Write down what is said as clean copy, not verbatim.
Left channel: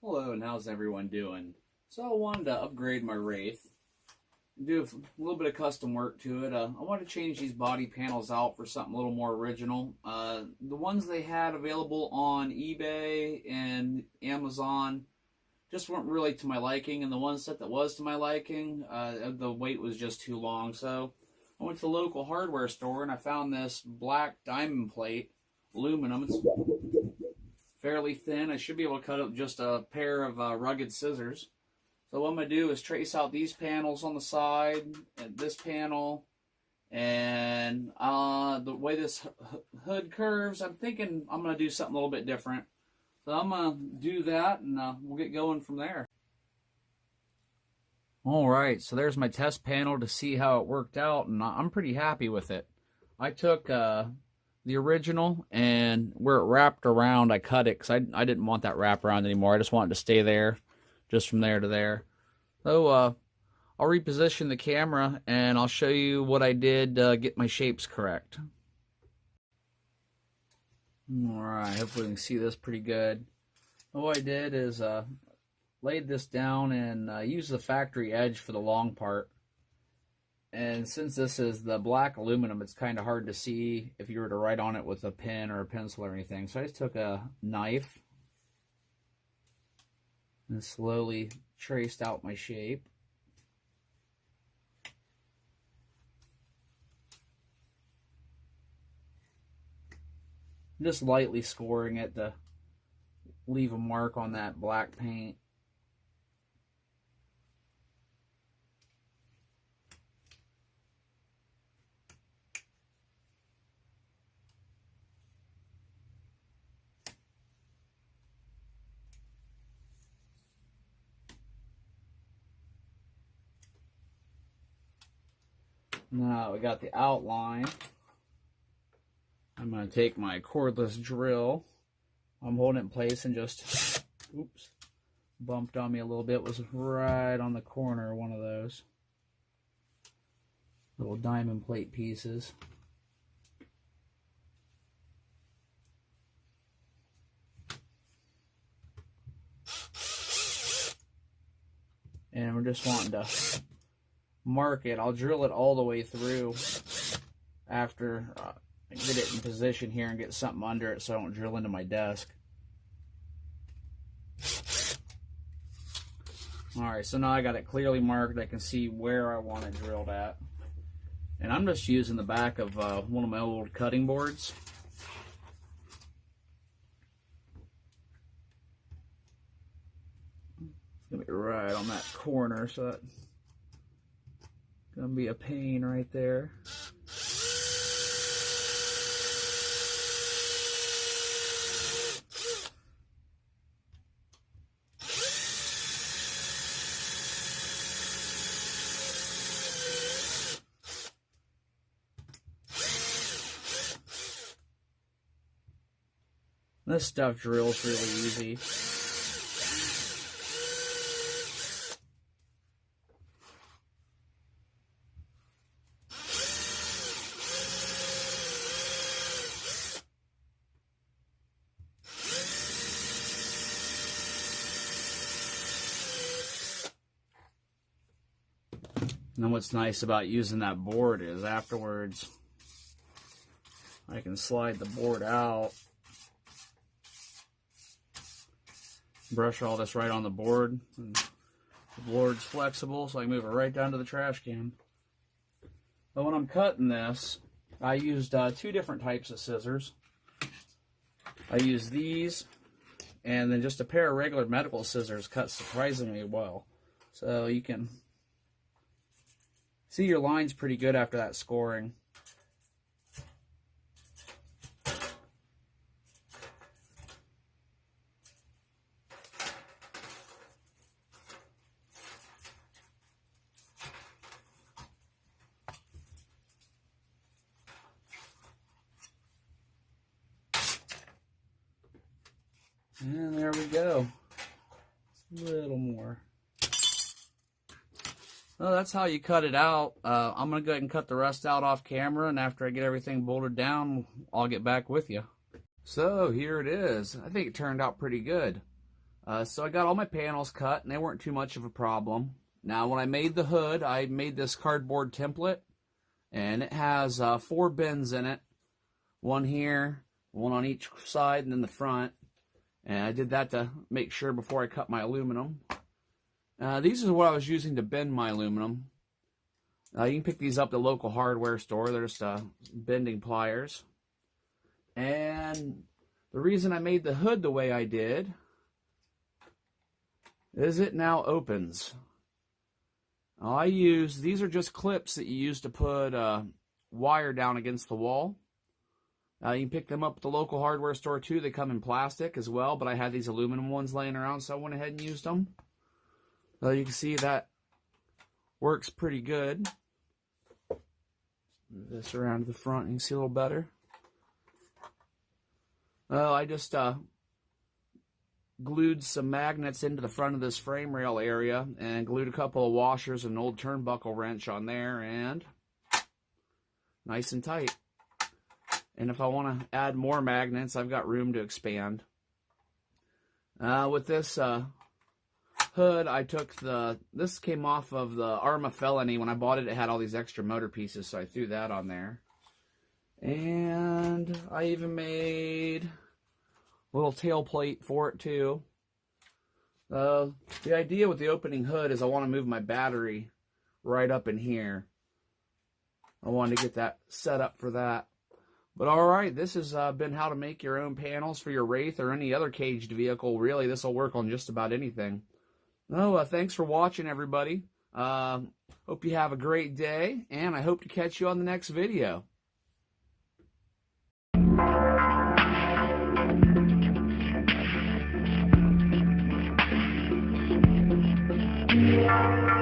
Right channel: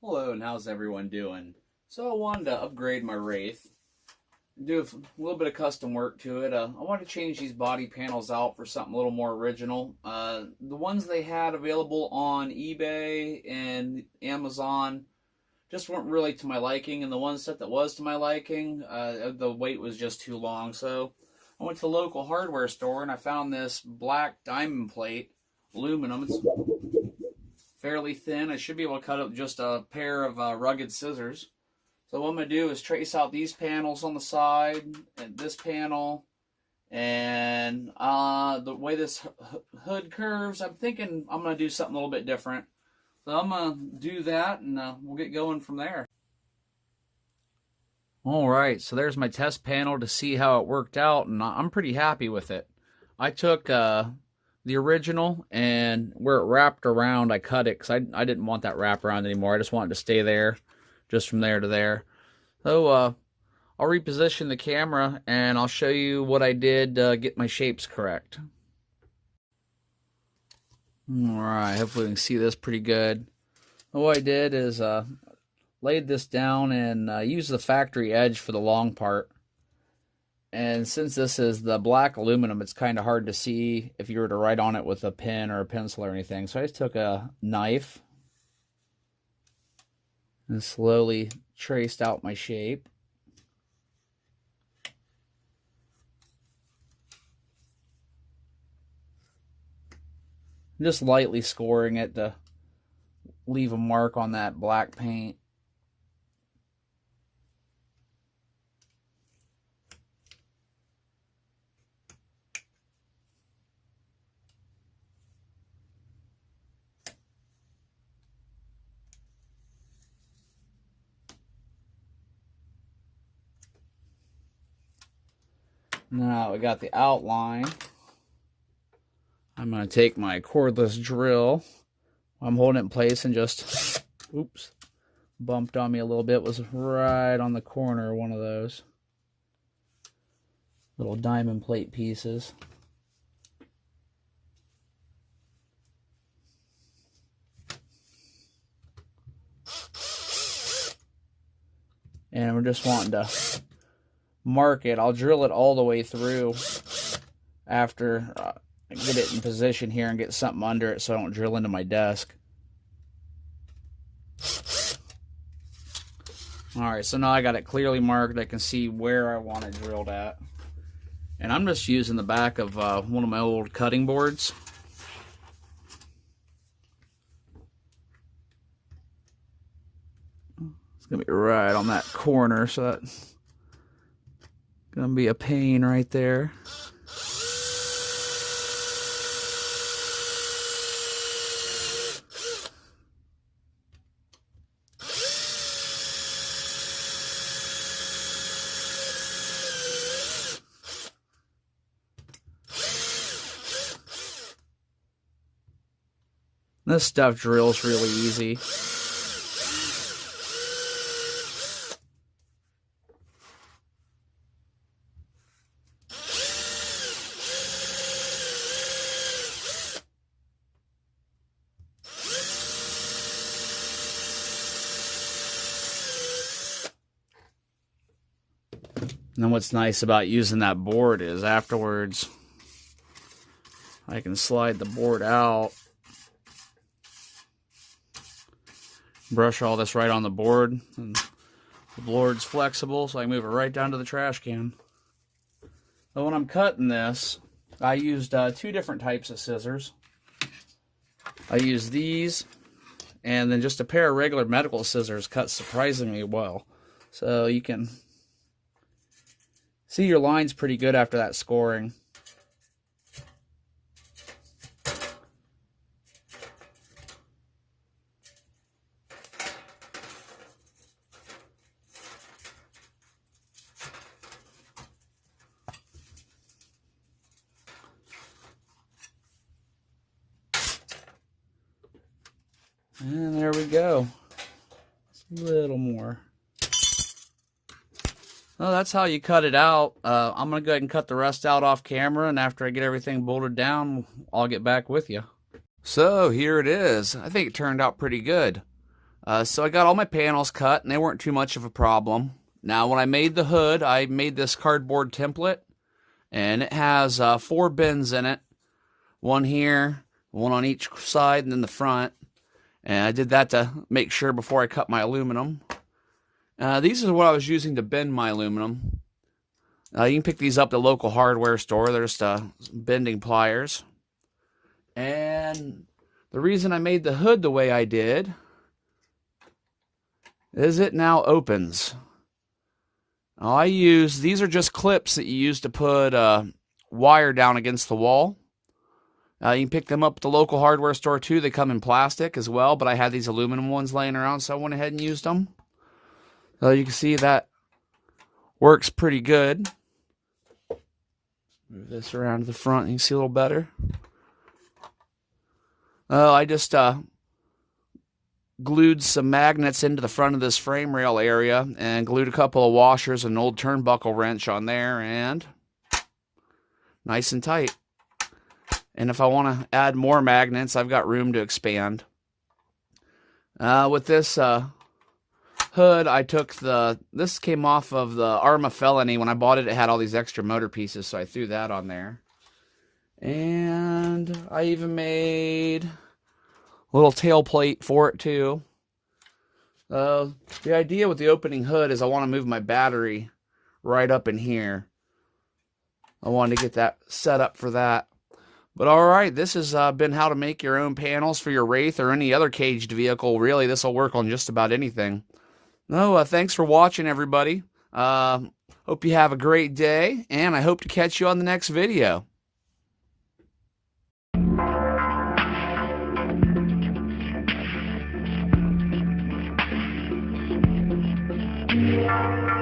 Hello, and how's everyone doing? So I wanted to upgrade my Wraith, do a little bit of custom work to it. I want to change these body panels out for something a little more original. The ones they had available on eBay and Amazon just weren't really to my liking, and the one set that was to my liking, the wait was just too long. So I went to the local hardware store and I found this black diamond plate, aluminum. It's fairly thin. I should be able to cut up just a pair of rugged scissors. So what I'm going to do is trace out these panels on the side, and this panel, and the way this hood curves, I'm thinking I'm going to do something a little bit different. So I'm going to do that, and we'll get going from there. Alright, so there's my test panel to see how it worked out, and I'm pretty happy with it. I took the original, and where it wrapped around, I cut it because I didn't want that wrap around anymore. I just wanted to stay there, just from there to there. So I'll reposition the camera and I'll show you what I did to get my shapes correct. Alright, hopefully we can see this pretty good. What I did is laid this down and used the factory edge for the long part. And since this is the black aluminum, it's kind of hard to see if you were to write on it with a pen or a pencil or anything. So I just took a knife and slowly traced out my shape. Just lightly scoring it to leave a mark on that black paint. Now we got the outline. I'm going to take my cordless drill. I'm holding it in place and just, oops, bumped on me a little bit. Was right on the corner of one of those little diamond plate pieces. And we're just wanting to mark it. I'll drill it all the way through after I get it in position here and get something under it so I don't drill into my desk. Alright, so now I got it clearly marked. I can see where I want it drilled at. And I'm just using the back of one of my old cutting boards. It's going to be right on that corner, so that's going to be a pain right there. This stuff drills really easy. And then what's nice about using that board is afterwards I can slide the board out, brush all this right on the board, and the board's flexible so I can move it right down to the trash can. So when I'm cutting this, I used two different types of scissors. I used these and then just a pair of regular medical scissors cut surprisingly well. So you can see your line's pretty good after that scoring. And there we go. Just a little more. Well, that's how you cut it out. I'm going to go ahead and cut the rest out off camera, and after I get everything bolted down, I'll get back with you. So here it is. I think it turned out pretty good. So I got all my panels cut, and they weren't too much of a problem. Now, when I made the hood, I made this cardboard template, and it has 4 bins in it. One here, one on each side, and then the front. And I did that to make sure before I cut my aluminum. These are what I was using to bend my aluminum. You can pick these up at the local hardware store. They're just bending pliers. And the reason I made the hood the way I did is it now opens. These are just clips that you use to put wire down against the wall. You can pick them up at the local hardware store too. They come in plastic as well, but I had these aluminum ones laying around, so I went ahead and used them. So you can see that works pretty good. Move this around to the front, you can see a little better. I just glued some magnets into the front of this frame rail area and glued a couple of washers and an old turnbuckle wrench on there, and nice and tight. And if I want to add more magnets, I've got room to expand. With this hood, I took this came off of the Arma Felony. When I bought it, it had all these extra motor pieces, so I threw that on there. And I even made a little tail plate for it too. The idea with the opening hood is I want to move my battery right up in here. I wanted to get that set up for that. But alright, this has been how to make your own panels for your Wraith or any other caged vehicle. Really, this will work on just about anything. Thanks for watching, everybody. Hope you have a great day, and I hope to catch you on the next video. Yeah.